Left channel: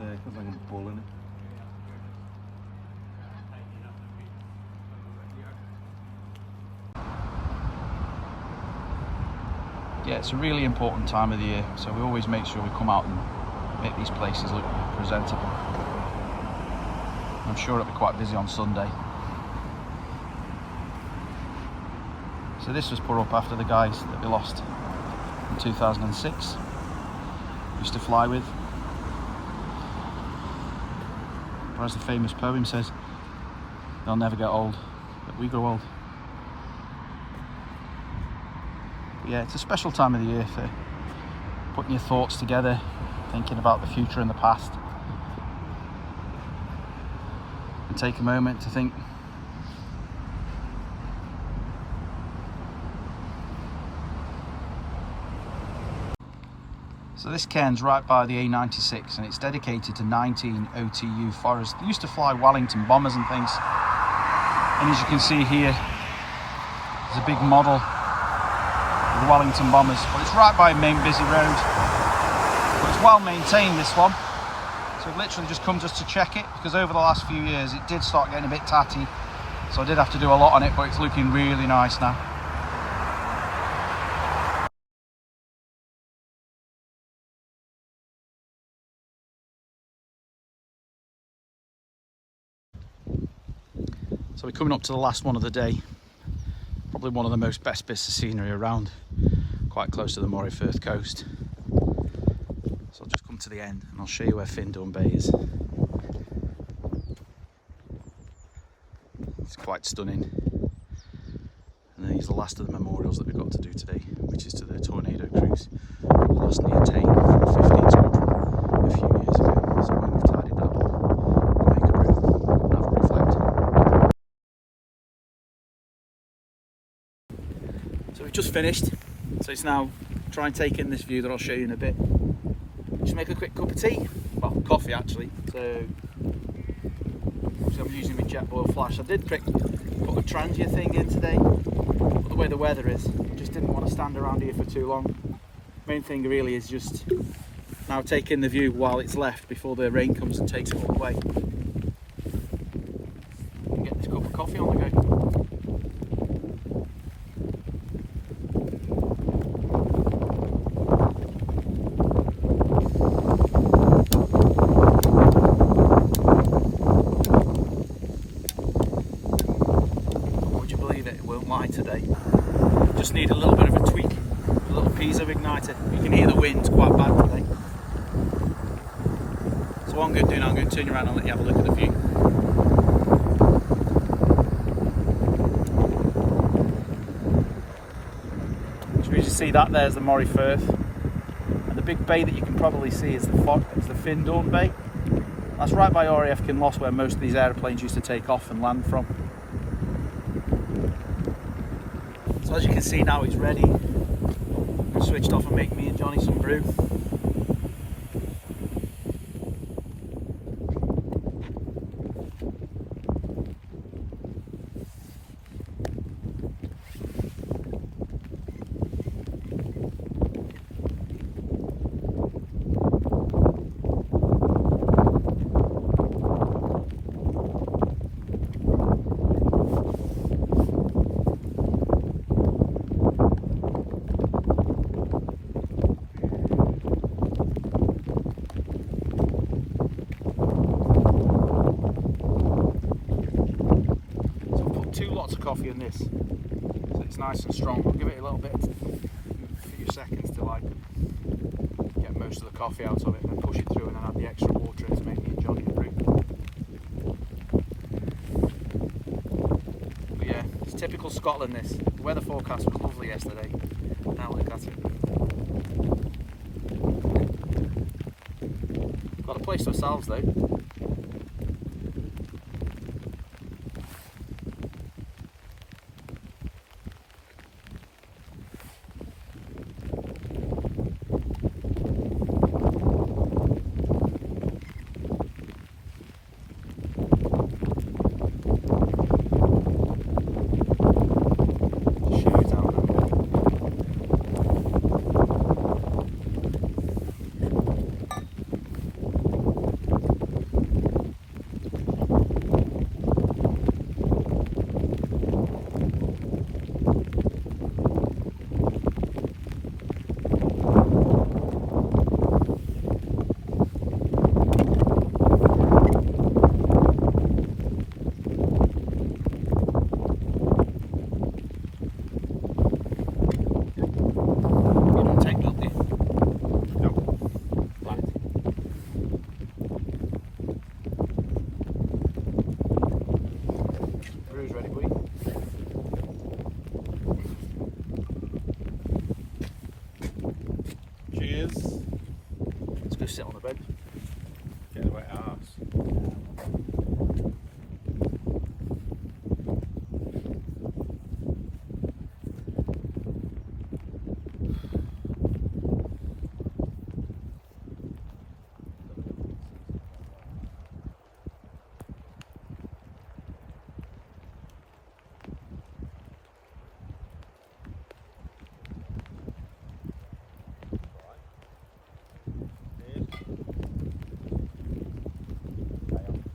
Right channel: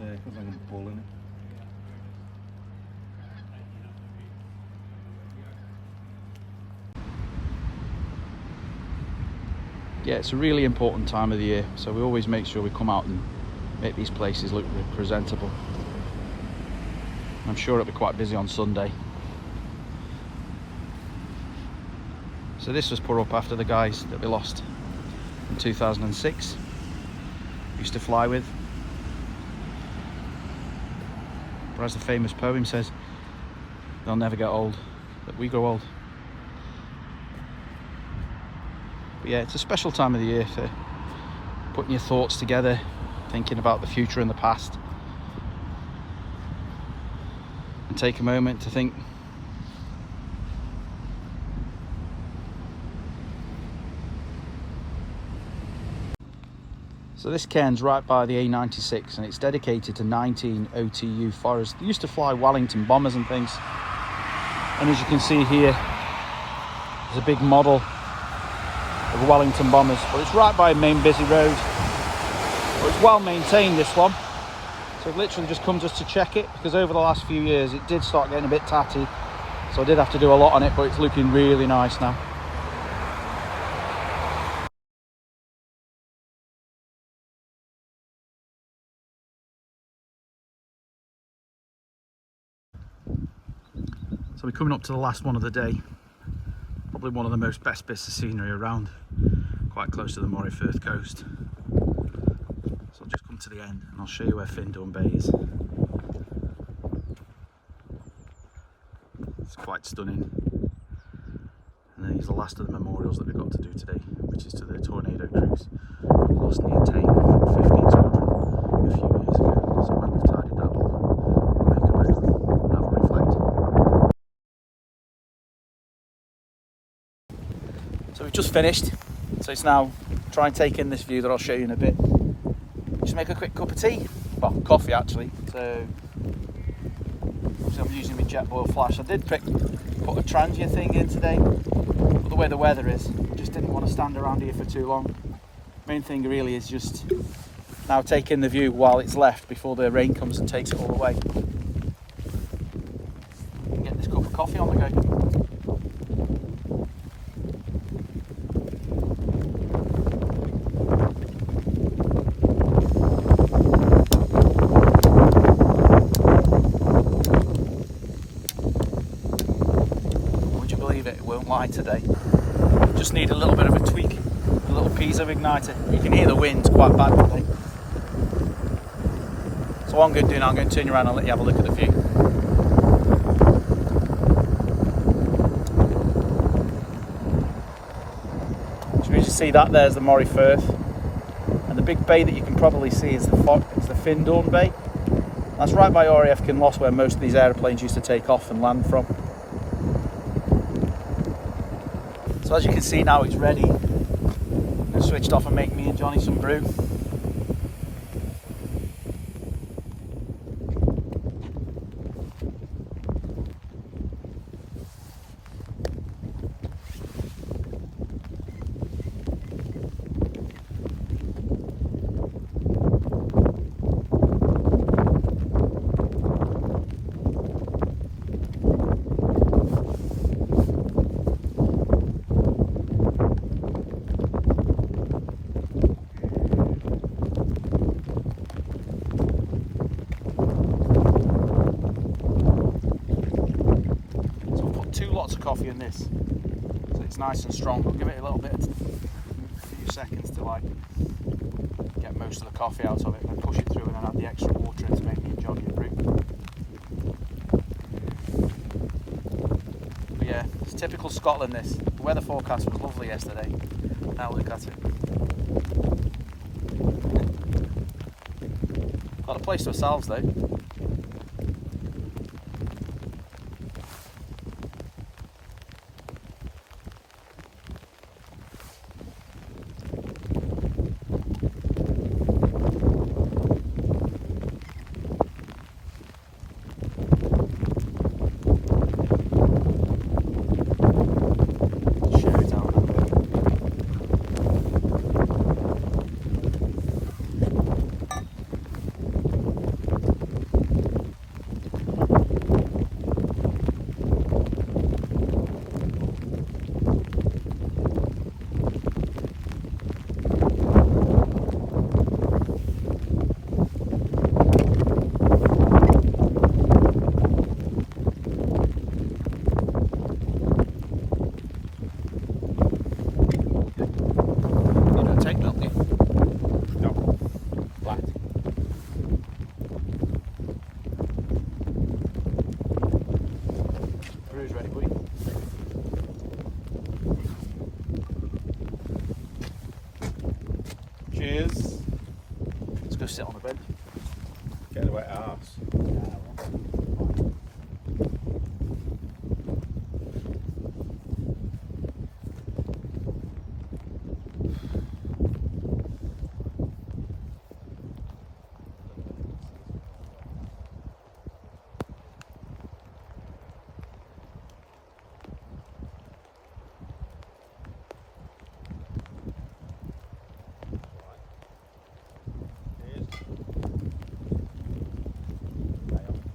got like a bull in it. Yeah, it's a really important time of the year, so we always make sure we come out and make these places look presentable. I'm sure it'll be quite busy on Sunday. So this was put up after the guys that we lost in 2006. Used to fly with. Or as the famous poem says, they'll never get old, but we grow old. But yeah, it's a special time of the year for putting your thoughts together, thinking about the future and the past. And take a moment to think. So this cairn's right by the A96 and it's dedicated to 19 OTU Forest. They used to fly Wellington bombers and things. And as you can see here, there's a big model of the Wellington bombers. But it's right by a main busy road. It's well maintained, this one. So I've literally just come just to check it, because over the last few years it did start getting a bit tatty. So I did have to do a lot on it, but it's looking really nice now. So we're coming up to the last one of the day. Probably one of the most best bits of scenery around. Quite close to the Moray Firth coast. So I'll just come to the end and I'll show you where Findhorn Bay is. It's quite stunning. And then these are the last of the memorials that we've got to do today, which is to the tornado crews who lost near Tane from 15 Squadron a few years ago. So when we've tidied that up, we'll make a brew and have a reflect. So we've just finished, so it's now try and take in this view that I'll show you in a bit. Just make a quick cup of tea, well, coffee actually. So obviously I'm using my Jetboil flash. I did put a transient thing in today, but the way the weather is, I just didn't want to stand around here for too long. Main thing really is just now take in the view while it's left before the rain comes and takes it all away. Get this cup of coffee on the go. It won't lie today. Just need a little bit of a tweak, a little piezo igniter. You can hear the wind quite bad today. So what I'm going to do now, I'm going to turn around and let you have a look at the view. So as you see that, there's the Moray Firth. And the big bay that you can probably see is the Findhorn Bay. That's right by RAF Kinloss, where most of these aeroplanes used to take off and land from. So as you can see now, it's ready. I switched off and make me and Johnny some brew. Lots of coffee in this, so it's nice and strong. I'll give it a little bit, a few seconds to like get most of the coffee out of it, and then push it through and then add the extra water in to make me and Johnny a brew. But yeah, it's typical Scotland this. The weather forecast was lovely yesterday. Now look at it. Got a place to ourselves though. sit on the bench. Get the wet arse. Here's. Okay,